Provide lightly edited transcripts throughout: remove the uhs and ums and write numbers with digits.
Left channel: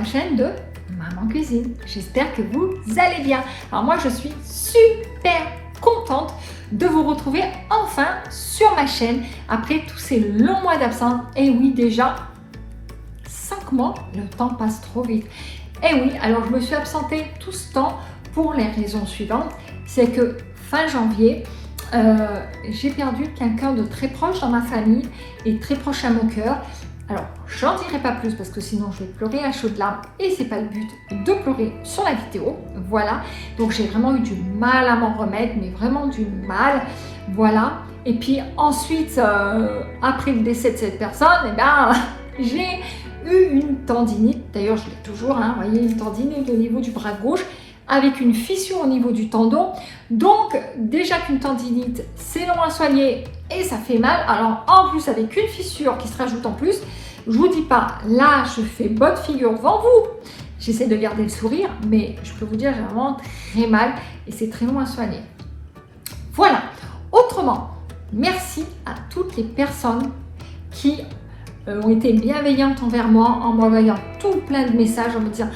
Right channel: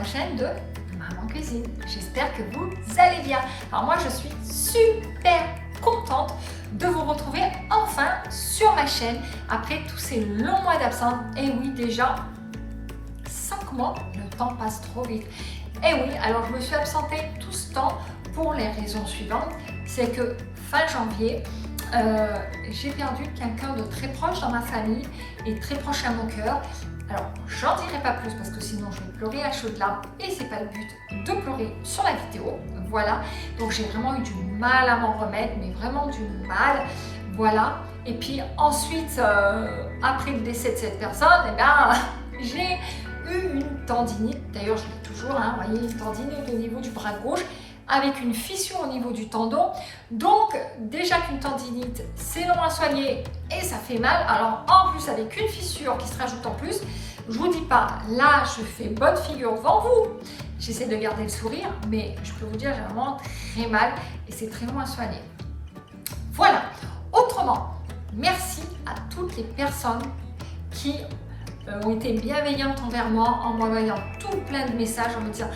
la chaîne de Maman Cuisine. J'espère que vous allez bien. Alors moi je suis super contente de vous retrouver enfin sur ma chaîne après tous ces longs mois d'absence. Et oui, déjà 5 mois, le temps passe trop vite. Et oui, alors je me suis absentée tout ce temps pour les raisons suivantes. C'est que fin janvier, j'ai perdu quelqu'un de très proche dans ma famille et très proche à mon cœur. Alors, j'en dirai pas plus parce que sinon je vais pleurer à chaudes larmes et c'est pas le but de pleurer sur la vidéo. Voilà, donc j'ai vraiment eu du mal à m'en remettre, mais vraiment du mal. Voilà, et puis ensuite, après le décès de cette personne, eh ben, j'ai eu une tendinite. D'ailleurs, je l'ai toujours, hein, vous voyez, une tendinite au niveau du bras gauche, avec une fissure au niveau du tendon. Donc déjà qu'une tendinite, c'est long à soigner et ça fait mal. Alors en plus avec une fissure qui se rajoute en plus, je vous dis pas, là je fais bonne figure devant vous. J'essaie de garder le sourire, mais je peux vous dire j'ai vraiment très mal et c'est très long à soigner. Voilà. Autrement, merci à toutes les personnes qui ont été bienveillantes envers moi en m'envoyant tout plein de messages en me disant:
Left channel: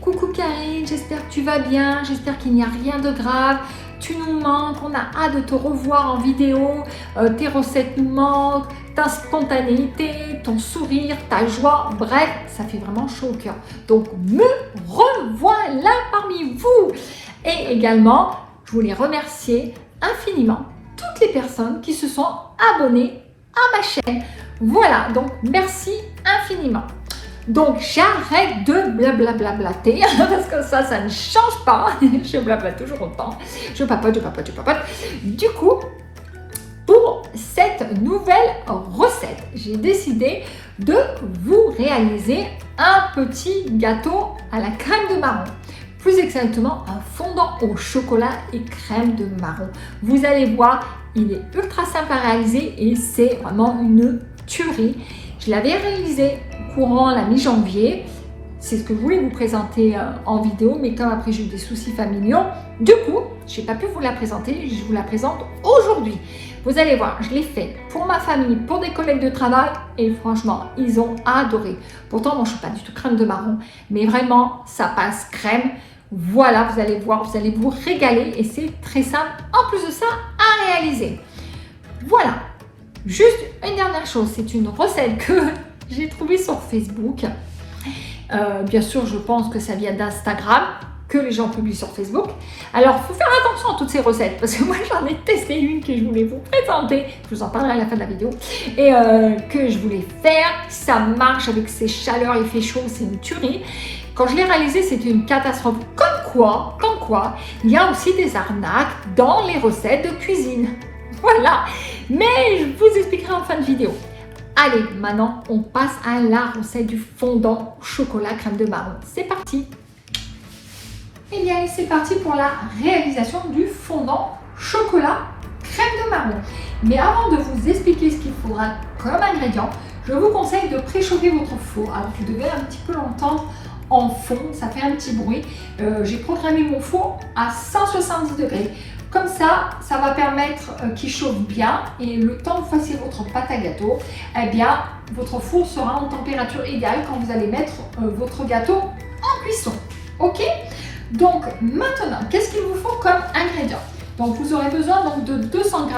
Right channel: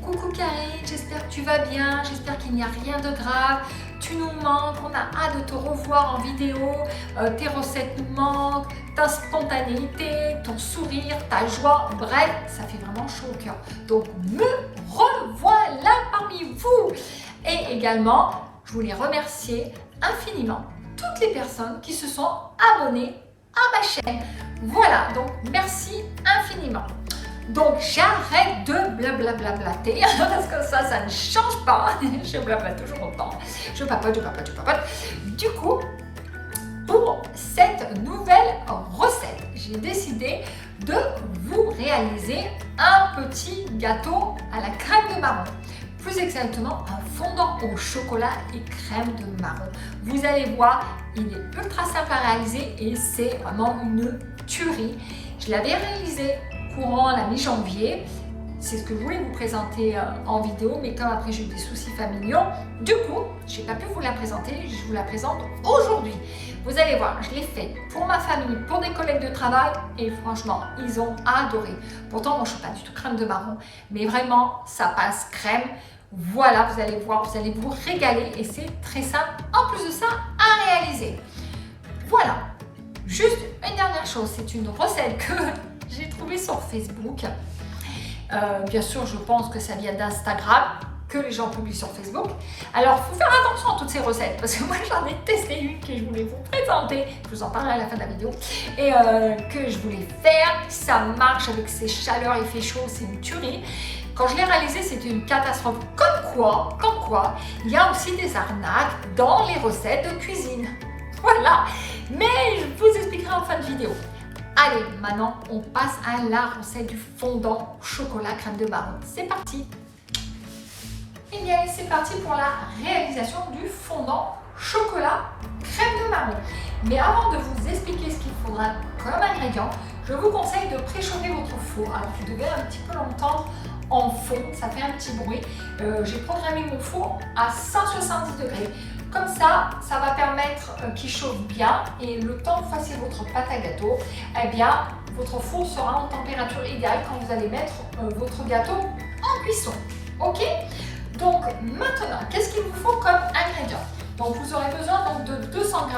coucou Karine, j'espère que tu vas bien, j'espère qu'il n'y a rien de grave, tu nous manques, on a hâte de te revoir en vidéo, tes recettes nous manquent, ta spontanéité, ton sourire, ta joie, bref, ça fait vraiment chaud au cœur. Donc me revoilà parmi vous. Et également, je voulais remercier infiniment toutes les personnes qui se sont abonnées à ma chaîne. Voilà, donc merci infiniment. Donc j'arrête de blablablater parce que ça ne change pas. Je blablate toujours autant. Je papote. Du coup, pour cette nouvelle recette, j'ai décidé de vous réaliser un petit gâteau à la crème de marron. Plus exactement, un fondant au chocolat et crème de marron. Vous allez voir, il est ultra simple à réaliser et c'est vraiment une tuerie. Je l'avais réalisé courant la mi-janvier. C'est ce que je voulais vous présenter en vidéo, mais comme après j'ai eu des soucis familiaux, du coup, je n'ai pas pu vous la présenter, je vous la présente aujourd'hui. Vous allez voir, je l'ai fait pour ma famille, pour des collègues de travail, et franchement, ils ont adoré. Pourtant, moi, je ne suis pas du tout crème de marron, mais vraiment, ça passe crème. Voilà, vous allez voir, vous allez vous régaler, et c'est très simple, en plus de ça, à réaliser. Voilà, juste une dernière chose, c'est une recette que j'ai trouvée sur Facebook. Bien sûr, je pense que ça vient d'Instagram, que les gens publient sur Facebook. Alors, il faut faire attention à toutes ces recettes, parce que moi, j'en ai testé une que je voulais vous présenter. Je vous en parlerai à la fin de la vidéo. Et que je voulais faire. Ça marche avec ces chaleurs, il fait chaud, c'est une tuerie. Quand je l'ai réalisé, c'était une catastrophe. Comme quoi, il y a aussi des arnaques dans les recettes de cuisine. Voilà. Mais je vous expliquerai en fin de vidéo. Allez, maintenant, on passe à la recette du fondant chocolat crème de marron. C'est parti! Eh bien, c'est parti pour la réalisation du fondant chocolat crème de marron. Mais avant de vous expliquer ce qu'il faudra comme ingrédient, je vous conseille de préchauffer votre four. Alors, vous devez un petit peu l'entendre en fond, ça fait un petit bruit. J'ai programmé mon four à 170 degrés. Comme ça, ça va permettre qu'il chauffe bien et le temps que vous fassiez votre pâte à gâteau, eh bien, votre four sera en température égale quand vous allez mettre votre gâteau en cuisson. Ok? Donc maintenant, qu'est-ce qu'il vous faut comme ingrédient? Donc vous aurez besoin donc, de 200 g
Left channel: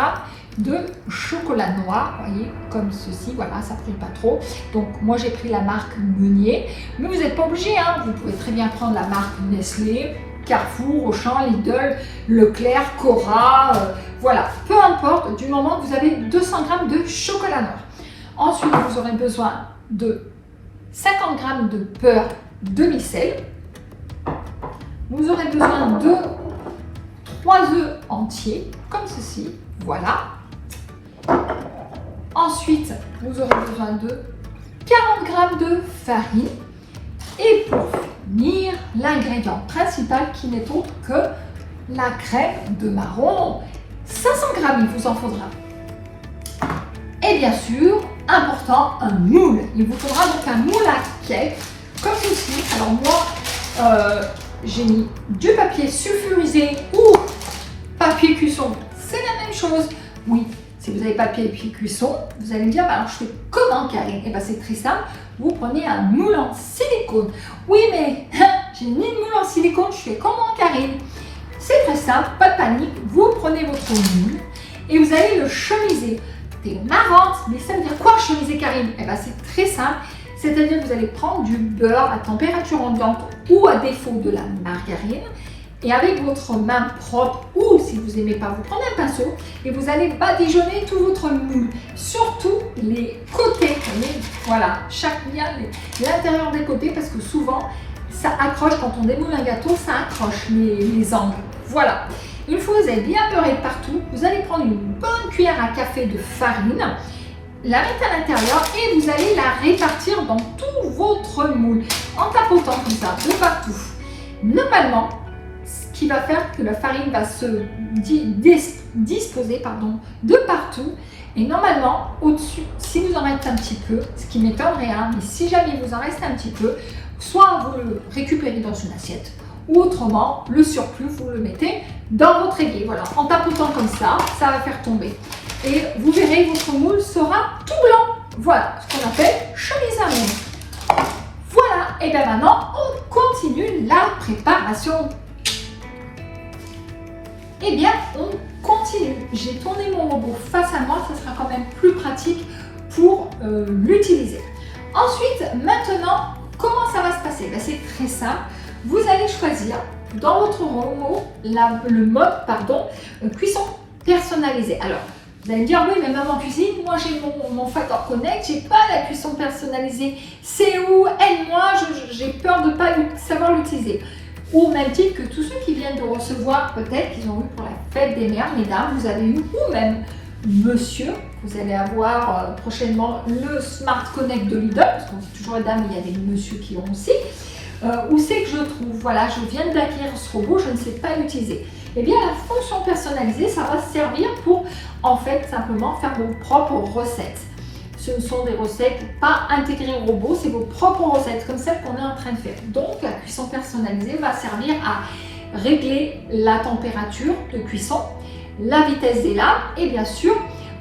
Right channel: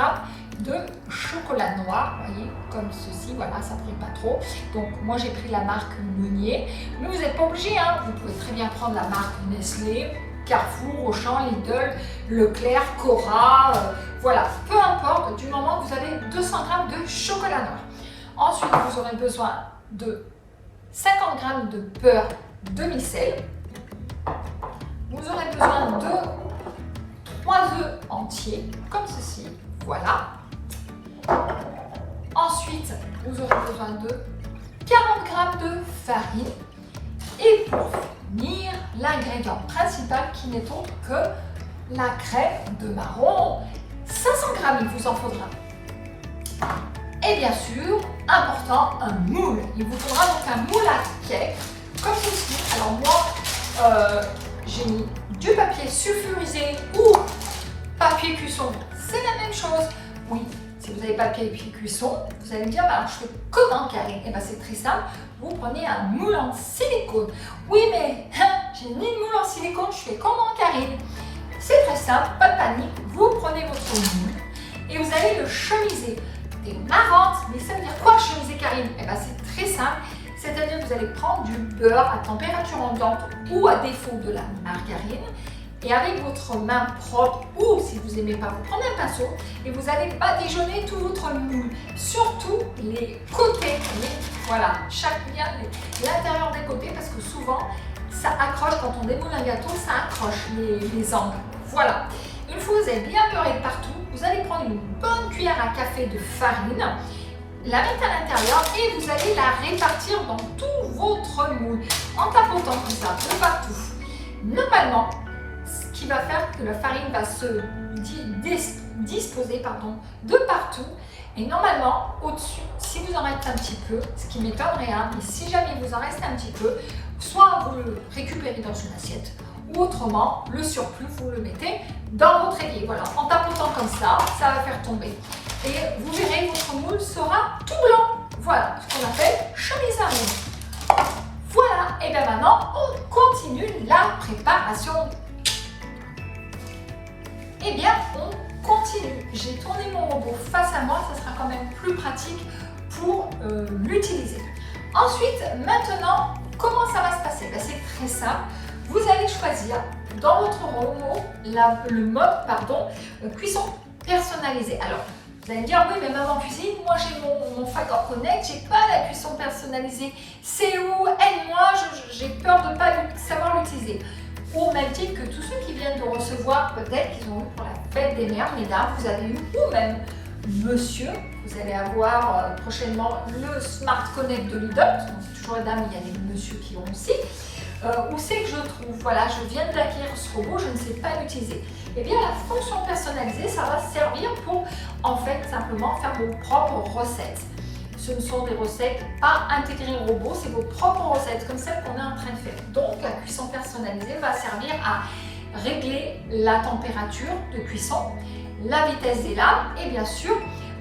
de chocolat noir, vous voyez, comme ceci, voilà, ça ne brille pas trop. Donc moi j'ai pris la marque Meunier, mais vous n'êtes pas obligé, hein, vous pouvez très bien prendre la marque Nestlé, Carrefour, Auchan, Lidl, Leclerc, Cora, voilà, peu importe, du moment que vous avez 200 g de chocolat noir. Ensuite, vous aurez besoin de 50 g de beurre demi-sel. Vous aurez besoin de 3 œufs entiers, comme ceci, voilà. Ensuite, vous aurez besoin de 40 g de farine. Et pour finir, l'ingrédient principal qui n'est autre que la crème de marron. 500 g, il vous en faudra. Et bien sûr, important, un moule. Il vous faudra donc un moule à cake, comme ceci. Alors moi, j'ai mis du papier sulfurisé ou papier cuisson. C'est la même chose. Oui, si vous n'avez pas de papier cuisson, vous allez me dire, bah, alors je fais comment, Karine? Et bien c'est très simple, vous prenez un moule en silicone. Oui, mais j'ai ni de moule en silicone, je fais comment, Karine? C'est très simple, pas de panique, vous prenez votre moule et vous allez le chemiser. T'es marrante, mais ça veut dire quoi chemiser, Karine? Et bien c'est très simple, c'est-à-dire que vous allez prendre du beurre à température ambiante ou à défaut de la margarine. Et avec votre main propre, ou si vous n'aimez pas, vous prenez un pinceau et vous allez badigeonner tout votre moule, surtout les côtés. Voilà, chaque bien l'intérieur des côtés, parce que souvent ça accroche quand on démoule un gâteau, ça accroche les angles. Voilà. Une fois que vous avez bien beurré partout, vous allez prendre une bonne cuillère à café de farine, la mettre à l'intérieur et vous allez la répartir dans tout votre moule en tapotant comme ça de partout. Normalement, ce qui va faire que la farine va se disposer de partout. Et normalement, au-dessus, si vous en reste un petit peu, ce qui m'étonnerait, mais si jamais vous en reste un petit peu, soit vous le récupérez dans une assiette, ou autrement, le surplus, vous le mettez dans votre évier. Voilà, en tapotant comme ça, ça va faire tomber. Et vous verrez, votre moule sera tout blanc. Voilà, ce qu'on appelle chemise à moule. Voilà, et bien maintenant, on continue la préparation. Eh bien, on continue. J'ai tourné mon robot face à moi, ça sera quand même plus pratique pour l'utiliser. Ensuite, maintenant, comment ça va se passer? Ben, c'est très simple. Vous allez choisir dans votre robot le mode cuisson personnalisée. Alors, vous allez me dire, oui, mais maman cuisine, moi j'ai mon Factor Connect, j'ai pas la cuisson personnalisée. C'est où? Aide-moi, j'ai peur de ne pas savoir l'utiliser. Au même titre que tous ceux qui viennent de recevoir, peut-être qu'ils ont eu pour la fête des mères, mesdames, vous avez eu, ou même monsieur, vous allez avoir prochainement le Smart Connect de Lidl, parce qu'on dit toujours les dames, mais il y a des messieurs qui ont aussi. Où c'est que je trouve? Voilà, je viens d'acquérir ce robot, je ne sais pas l'utiliser. Eh bien, la fonction personnalisée, ça va servir pour, en fait, simplement faire vos propres recettes. Ce ne sont des recettes pas intégrées au robot, c'est vos propres recettes, comme celles qu'on est en train de faire. Donc, la cuisson personnalisée va servir à régler la température de cuisson, la vitesse des lames et bien sûr,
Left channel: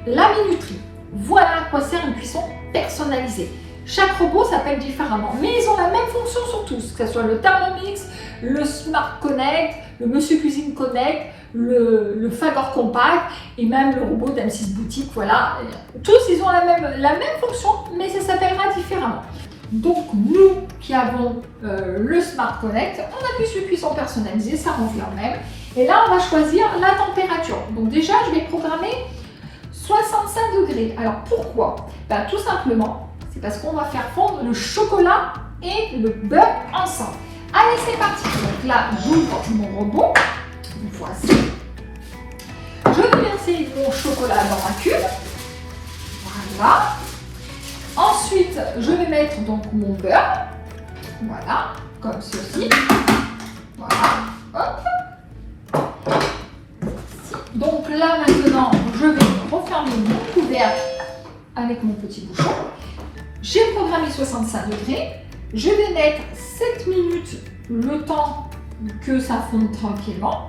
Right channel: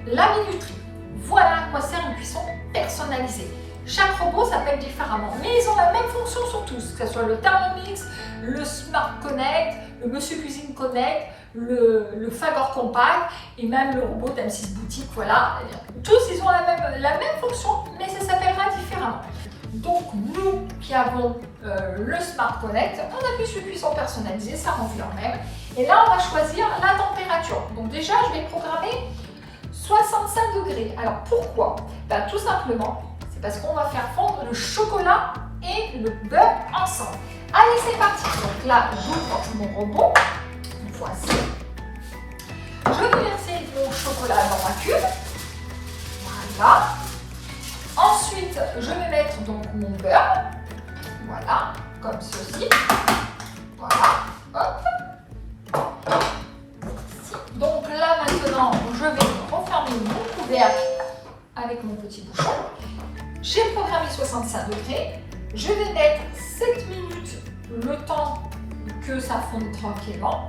la minuterie. Voilà à quoi sert une cuisson personnalisée. Chaque robot s'appelle différemment, mais ils ont la même fonction sur tous, que ce soit le Thermomix, le Smart Connect, le Monsieur Cuisine Connect, le Fagor Compact et même le robot d'M6 Boutique. Voilà, tous ils ont la même fonction, mais ça s'appellera différemment. Donc nous qui avons le Smart Connect, on appuie sur cuisson personnalisée, ça revient au même. Et là on va choisir la température. Donc déjà je vais programmer 65 degrés. Alors pourquoi? Tout simplement, c'est parce qu'on va faire fondre le chocolat et le beurre ensemble. Allez, c'est parti. Donc là, j'ouvre mon robot. Voici. Je vais verser mon chocolat dans ma cuve. Voilà. Ensuite, je vais mettre donc mon beurre. Voilà, comme ceci. Voilà. Hop. Donc là, maintenant, je vais refermer mon couvercle avec mon petit bouchon. J'ai programmé 65 degrés. Je vais mettre 7 minutes le temps que ça fonde tranquillement.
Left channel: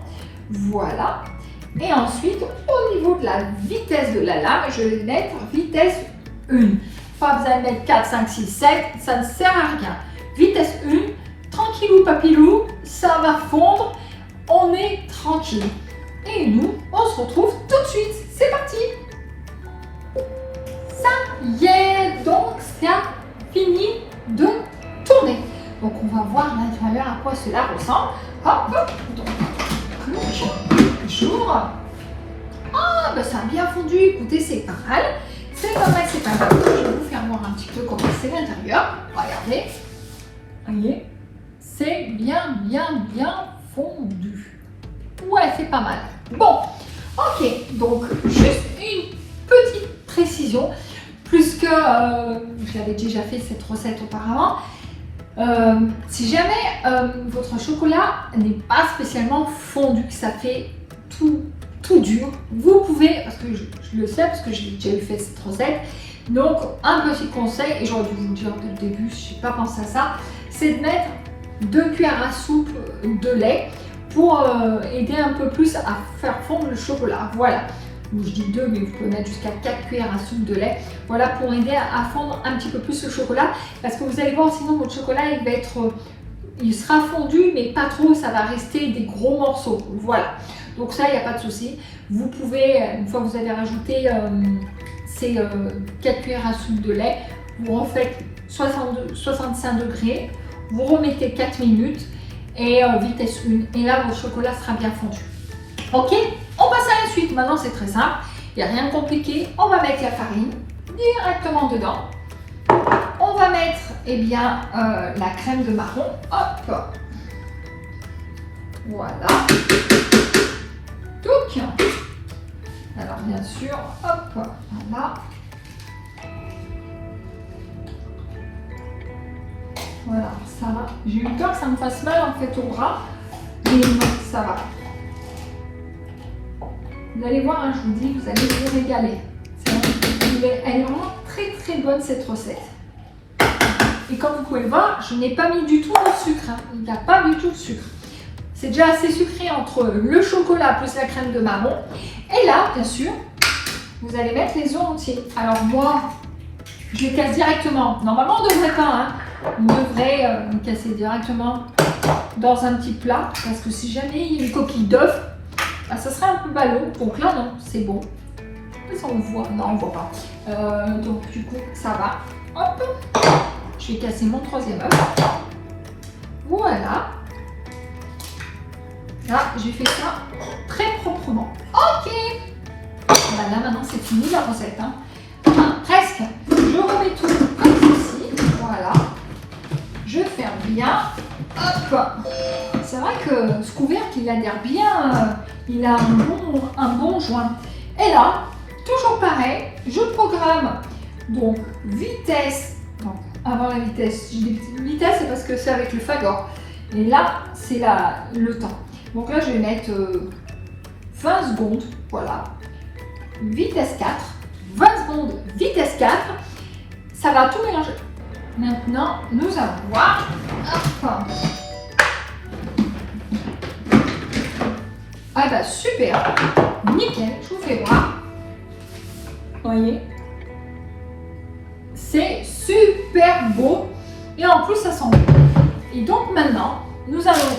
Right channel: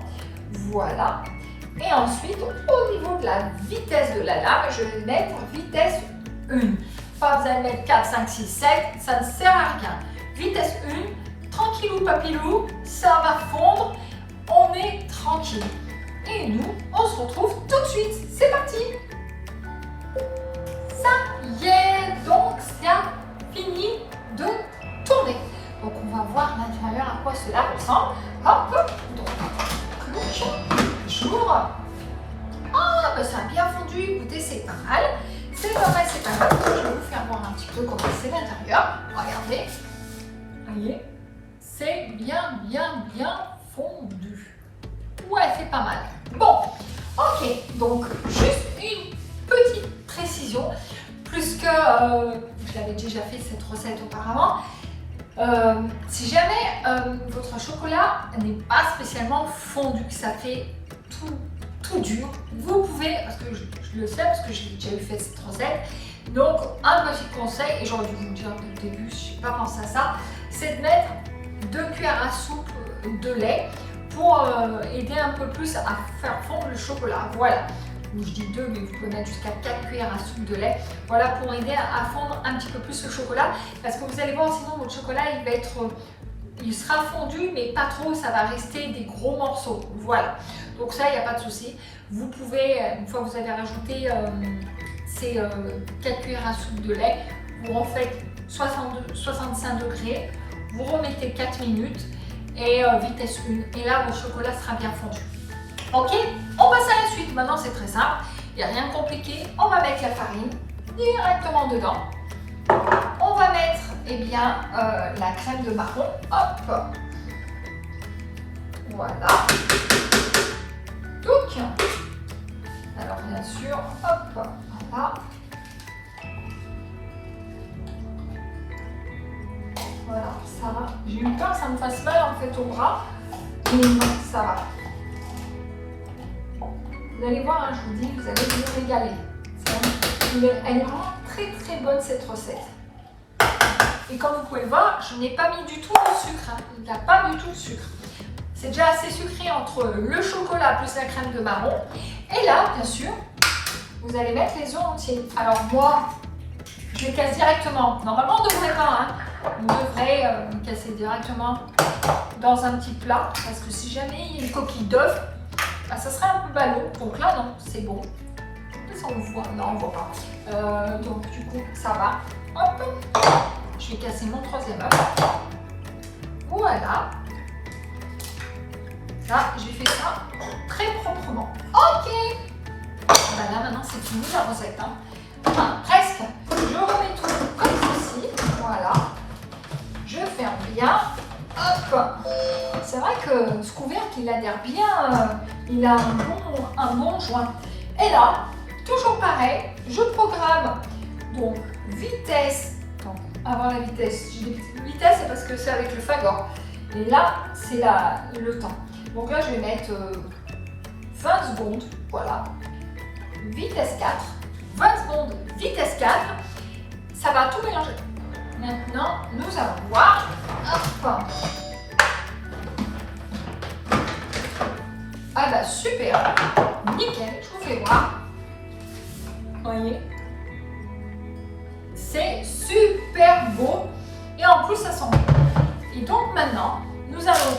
Voilà. Et ensuite, au niveau de la vitesse de la lame, je vais mettre vitesse 1. Pas besoin de mettre 4, 5, 6, 7, ça ne sert à rien. Vitesse 1, tranquillou papillou, ça va fondre, on est tranquille. Et nous, on se retrouve tout de suite. C'est parti! Ça y est, donc ça fini de tourner. Donc on va voir l'intérieur à quoi cela ressemble. Hop, hop, donc j'ouvre. Ah, ben ça a bien fondu, écoutez, c'est pas mal. C'est pas mal, c'est pas mal. Je vais vous faire voir un petit peu comment c'est l'intérieur. Regardez. Voyez, c'est bien fondu. Ouais, c'est pas mal. Bon, ok, donc juste une petite précision, puisque je l'avais déjà fait cette recette auparavant. Si jamais votre chocolat n'est pas spécialement fondu, que ça fait tout dur, vous pouvez, parce que je le sais, parce que j'ai déjà fait cette recette, donc un petit conseil, et j'aurais dû vous le dire dès le début, je n'ai pas pensé à ça, c'est de mettre 2 cuillères à soupe de lait pour aider un peu plus à faire fondre le chocolat. Voilà. je dis 2, mais vous pouvez mettre jusqu'à 4 cuillères à soupe de lait. Voilà, pour aider à fondre un petit peu plus le chocolat. Parce que vous allez voir, sinon votre chocolat, il sera fondu, mais pas trop, ça va rester des gros morceaux. Voilà, donc ça, il n'y a pas de souci. Vous pouvez, une fois que vous avez rajouté ces 4 cuillères à soupe de lait, vous refaites 65 degrés, vous remettez 4 minutes et vitesse 1. Et là, votre chocolat sera bien fondu. Ok, on passe à la suite. Maintenant, c'est très simple. Il n'y a rien de compliqué. On va mettre la farine directement dedans. On va mettre la crème de marron. Hop. Voilà. Donc, alors bien sûr, hop, voilà. Voilà, ça va. J'ai eu peur que ça me fasse mal en fait au bras, mais ça va. Vous allez voir, hein, je vous dis, vous allez vous régaler. Elle est vraiment très très bonne cette recette. Et comme vous pouvez le voir, je n'ai pas mis du tout de sucre. Hein. Il n'y a pas du tout de sucre. C'est déjà assez sucré entre le chocolat plus la crème de marron. Et là, bien sûr, vous allez mettre les œufs entiers. Alors moi, je les casse directement. Normalement, on ne devrait pas. Hein. On devrait les casser directement dans un petit plat. Parce que si jamais il y a une coquille d'œuf, bah, ça serait un peu ballot. Donc là, non, c'est bon. Ça, on voit. Non, on ne voit pas. Donc du coup, ça va. Hop. Je vais casser mon troisième œuf. Voilà. Là, j'ai fait ça très proprement. Ok. Bah là, maintenant, c'est fini la recette. Hein. Enfin, presque. Je remets tout comme ceci. Voilà. Je ferme bien. Hop. C'est vrai que ce couvercle, il adhère bien. Il a un bon joint. Et là, toujours pareil, je programme donc vitesse. Donc, avant la vitesse, je dis vitesse, c'est parce que c'est avec le Fagor. Et là, c'est le temps. Donc là, je vais mettre 20 secondes, voilà. Vitesse 4, 20 secondes, vitesse 4. Ça va tout mélanger. Maintenant, nous allons voir. Hop. Ah bah super, nickel, je vous fais voir. Voyez, c'est super beau et en plus ça sent bon. Et donc maintenant, nous allons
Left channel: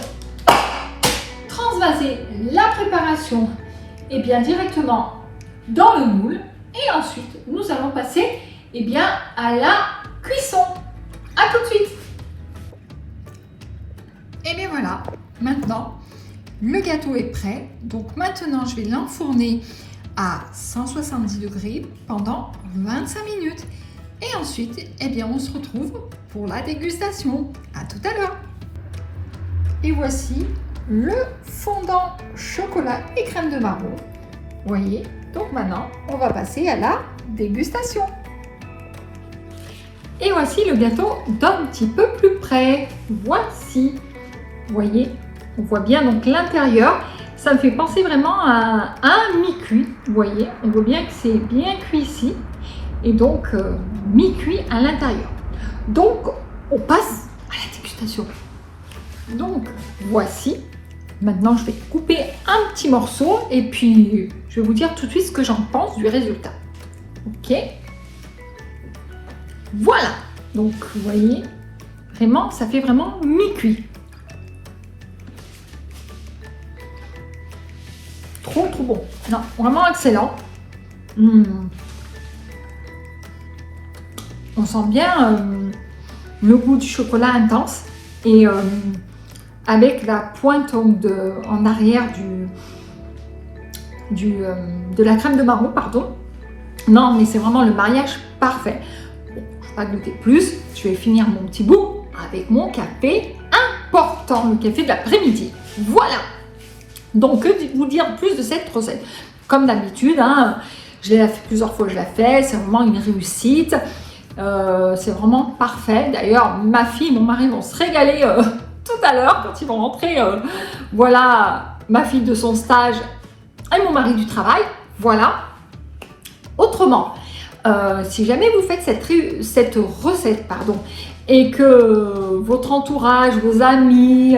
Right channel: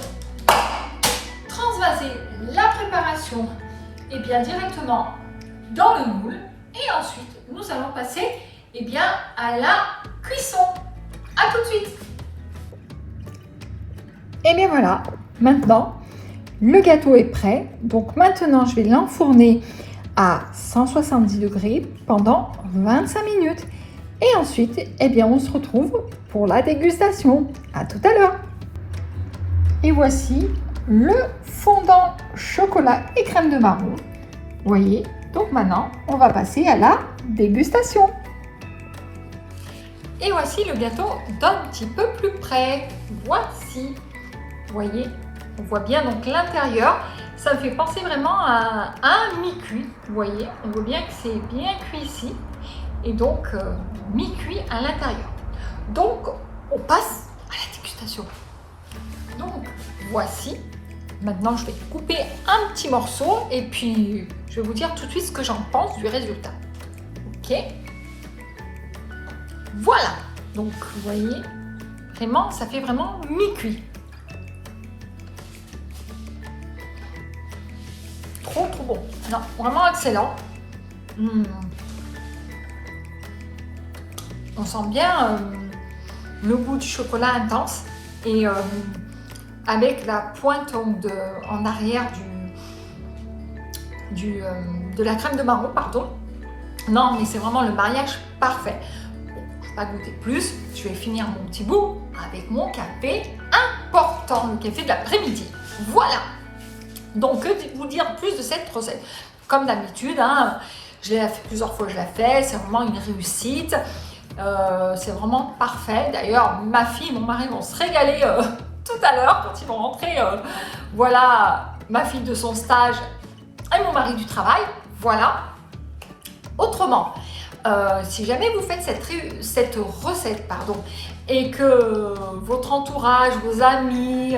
transvaser la préparation directement dans le moule et ensuite nous allons passer à la cuisson. À tout de suite. Et bien voilà, maintenant le gâteau est prêt. Donc maintenant je vais l'enfourner à 170 degrés pendant 25 minutes. Et ensuite, on se retrouve pour la dégustation. À tout à l'heure. Et voici le fondant chocolat et crème de marron. Vous voyez, donc maintenant, on va passer à la dégustation. Et voici le gâteau d'un petit peu plus près. Voici. Vous voyez, on voit bien donc l'intérieur. Ça me fait penser vraiment à un mi-cuit. Vous voyez, on voit bien que c'est bien cuit ici. Et donc, mi-cuit à l'intérieur. Donc, on passe à la dégustation. Donc, voici. Maintenant, je vais couper un petit morceau et puis je vais vous dire tout de suite ce que j'en pense du résultat. Ok. Voilà. Donc, vous voyez, vraiment, ça fait vraiment mi-cuit. Trop bon. Non, vraiment excellent. On sent bien le goût du chocolat intense et avec la pointe en arrière de la crème de marron, pardon. Non, mais c'est vraiment le mariage parfait. Bon, je ne vais pas goûter plus. Je vais finir mon petit bout avec mon café important, le café de l'après-midi. Voilà. Donc, que vous dire plus de cette recette? Comme d'habitude, hein, je l'ai fait plusieurs fois, je la fais. C'est vraiment une réussite. C'est vraiment parfait. D'ailleurs, ma fille et mon mari vont se régaler tout à l'heure quand ils vont rentrer. Voilà, ma fille de son stage et mon mari du travail. Voilà. Autrement, si jamais vous faites cette recette, et que votre entourage, vos amis,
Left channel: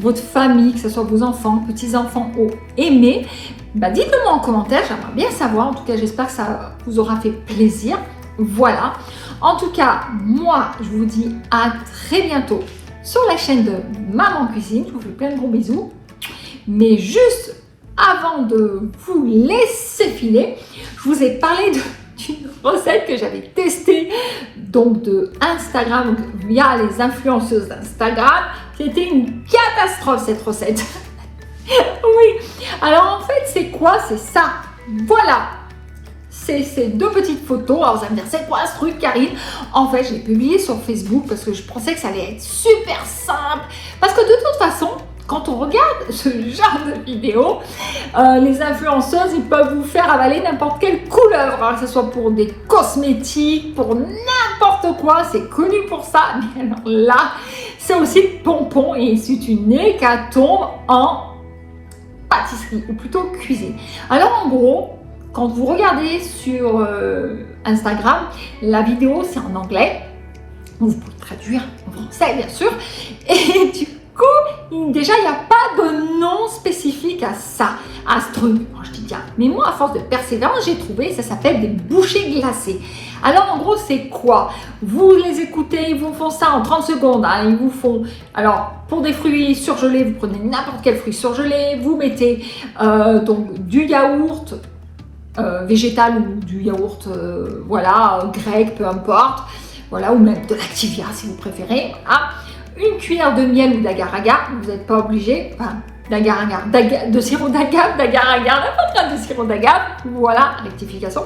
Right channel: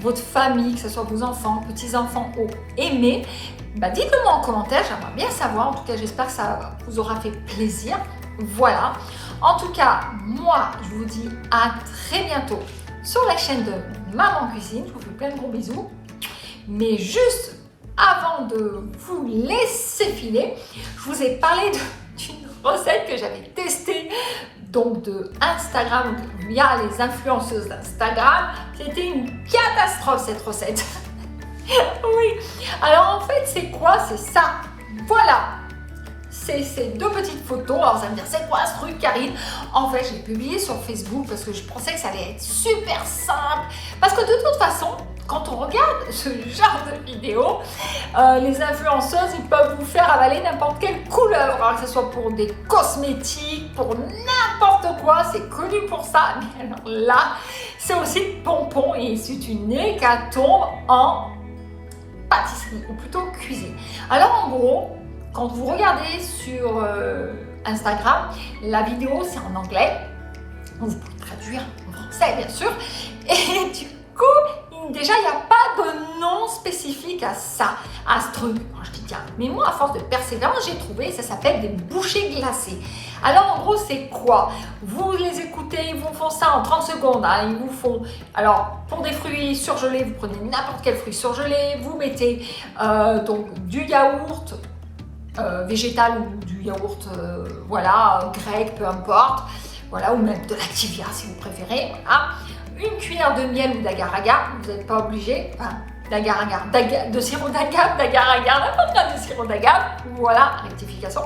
votre famille, que ce soit vos enfants, petits-enfants ont aimé, bah dites-le moi en commentaire, j'aimerais bien savoir. En tout cas, j'espère que ça vous aura fait plaisir. Voilà. En tout cas, moi, je vous dis à très bientôt sur la chaîne de Maman Cuisine. Je vous fais plein de gros bisous. Mais juste avant de vous laisser filer, je vous ai parlé d'une recette que j'avais testée donc de Instagram, donc via les influenceuses d'Instagram. C'était une catastrophe cette recette. Oui. Alors en fait, c'est quoi? C'est ça. Voilà. C'est ces deux petites photos. Alors vous allez me dire, c'est quoi ce truc, Karine? En fait, je l'ai publié sur Facebook parce que je pensais que ça allait être super simple. Parce que de toute façon, quand on regarde ce genre de vidéo, les influenceuses, ils peuvent vous faire avaler n'importe quelle couleur. Alors que ce soit pour des cosmétiques, pour n'importe quoi, c'est connu pour ça. Mais alors là, c'est aussi pompon et c'est une hécatombe en pâtisserie, ou plutôt cuisine. Alors en gros, quand vous regardez sur Instagram, la vidéo c'est en anglais, vous pouvez traduire en français bien sûr, et du coup, déjà il n'y a pas de nom spécifique à ça, à ce truc. Moi, je dis bien, mais moi à force de persévérance, j'ai trouvé, ça s'appelle des bouchées glacées. Alors en gros, c'est quoi? Vous les écoutez, ils vous font ça en 30 secondes, hein, ils vous font... Alors, pour des fruits surgelés, vous prenez n'importe quel fruit surgelé, vous mettez donc du yaourt, végétal ou du yaourt voilà, grec, peu importe, voilà, ou même de l'activia si vous préférez, voilà. Une cuillère de miel ou d'agar-agar, vous n'êtes pas obligé, enfin, d'agar-agar, de sirop d'agave, d'agar-agar, n'importe quel de sirop d'agave, voilà, rectification.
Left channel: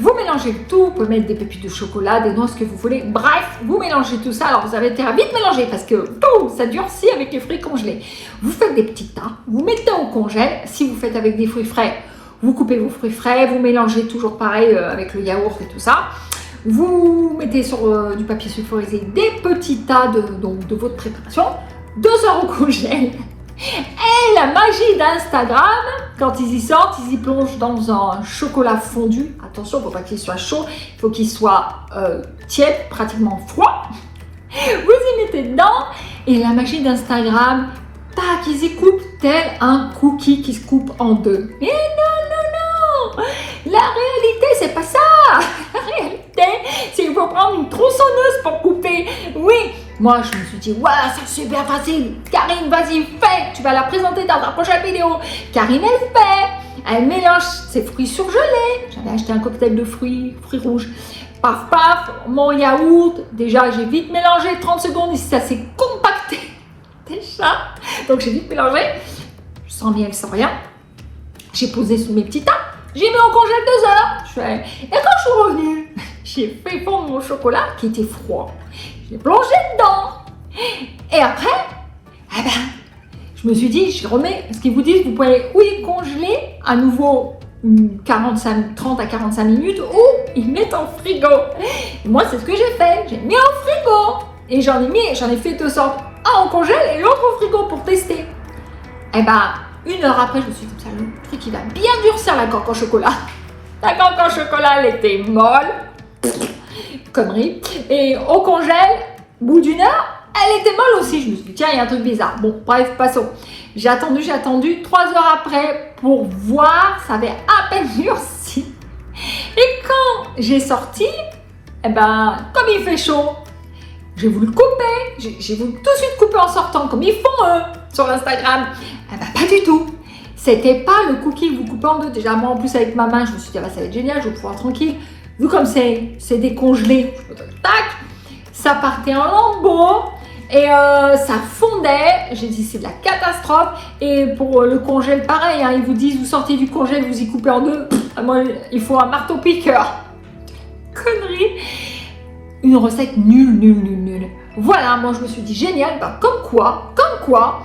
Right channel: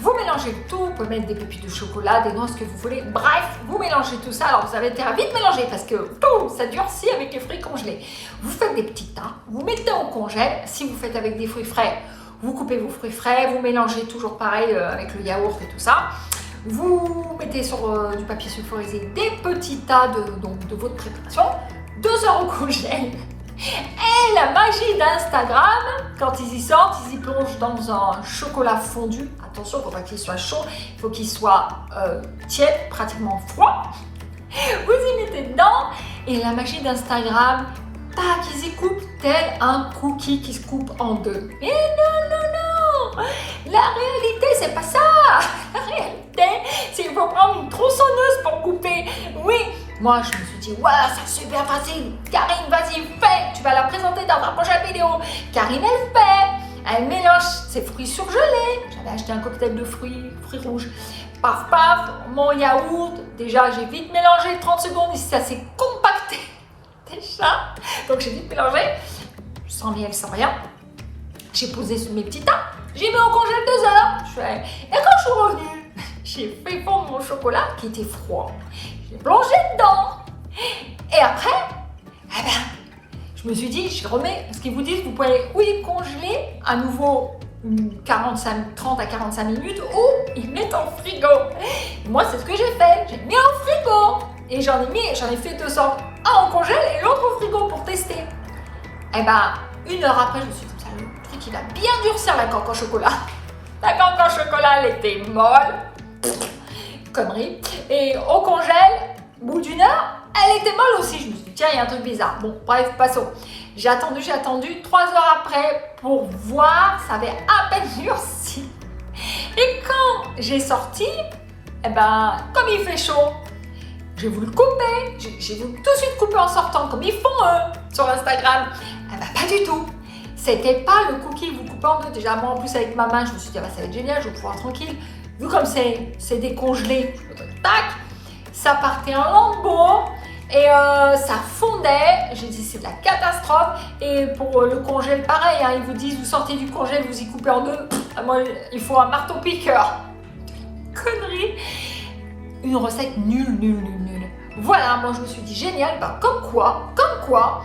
Vous mélangez le tout, vous pouvez mettre des pépites de chocolat, des noix, ce que vous voulez, bref, vous mélangez tout ça. Alors vous avez intérêt à vite mélanger parce que tout, ça durcit avec les fruits congelés. Vous faites des petits tas, vous mettez au congèle. Si vous faites avec des fruits frais, vous coupez vos fruits frais, vous mélangez toujours pareil avec le yaourt et tout ça. Vous mettez sur du papier sulfurisé des petits tas de votre préparation, 2 heures au congèle. Et la magie d'Instagram, quand ils y sortent, ils y plongent dans un chocolat fondu. Attention, il ne faut pas qu'il soit chaud, il faut qu'il soit tiède, pratiquement froid. Vous y mettez dedans et la magie d'Instagram, tac, ils y coupent tel un cookie qui se coupe en deux. Et non, la réalité, c'est pas ça. La réalité, c'est qu'il faut prendre une tronçonneuse pour couper. Oui, moi je me suis dit, voilà, c'est super facile. Karine, vas-y, fais. Tu vas la présenter dans ta prochaine vidéo. Karine, elle fait. Elle mélange ses fruits surgelés. J'avais acheté un cocktail de fruits rouges. Paf, paf, mon yaourt. Déjà, j'ai vite mélangé 30 secondes. Ici, ça s'est compacté. Déjà. Donc, j'ai vite mélangé. Sans miel, sans rien. J'ai posé sur mes petits tas. J'ai mis au congèle 2 heures. Et quand je suis revenue, j'ai fait fondre mon chocolat qui était froid. J'ai plongé dedans. Et après, eh ben, je me suis dit, je remets, ce qu'ils vous disent, vous pouvez ou les congeler à nouveau 30 à 45 minutes ou ils mettent en frigo. Et moi, c'est ce que j'ai fait. J'ai mis en frigo. Et j'en ai fait 2 sortes. Un au congèle et l'autre au frigo pour tester. Et ben, 1 heure après, je me suis dit, ça, le truc, il va bien durcir la coque en chocolat. La coque en chocolat, elle était molle. Connerie. Et au congèle, au bout d'1 heure, elle était molle aussi. Je me suis dit, tiens, il y a un truc bizarre. Bon, bref, passons. J'ai attendu 3 heures après pour voir, ça avait à peine durci. Et quand j'ai sorti, eh ben, comme il fait chaud, j'ai voulu couper. J'ai voulu tout de suite couper en sortant, comme ils font eux sur Instagram. Eh ben, pas du tout. C'était pas le cookie, vous coupez en deux. Déjà, moi, en plus, avec ma main, je me suis dit, ah bah, ça va être génial, je vais pouvoir tranquille. Vu comme c'est décongelé, tac, ça partait en lambeaux et ça fondait. J'ai dit, c'est de la catastrophe. Et pour le congèle, pareil, hein, ils vous disent, vous sortez du congèle, vous y coupez en deux. Moi, il faut un marteau-piqueur. Connerie. Une recette nulle. Voilà, moi, je me suis dit, génial. Bah, comme quoi,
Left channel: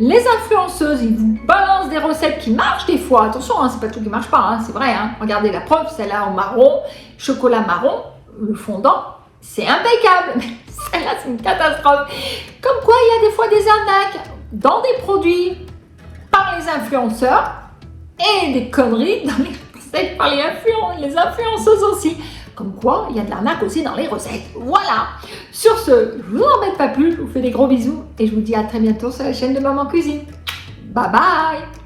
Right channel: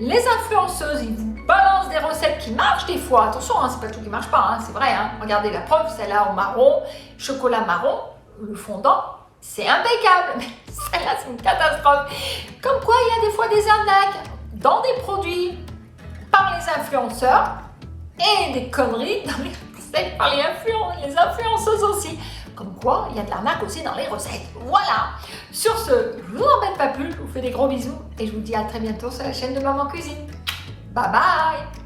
les influenceuses, ils vous balancent des recettes qui marchent des fois. Attention, hein, c'est pas tout qui marche pas, hein, c'est vrai. Hein. Regardez la preuve, celle-là au marron, chocolat marron, le fondant, c'est impeccable. Mais celle-là, c'est une catastrophe. Comme quoi, il y a des fois des arnaques dans des produits par les influenceurs et des conneries dans les recettes par les influenceuses aussi. Comme quoi, il y a de l'arnaque aussi dans les recettes. Voilà. Sur ce, je vous embête pas plus, je vous fais des gros bisous et je vous dis à très bientôt sur la chaîne de Maman Cuisine. Bye bye.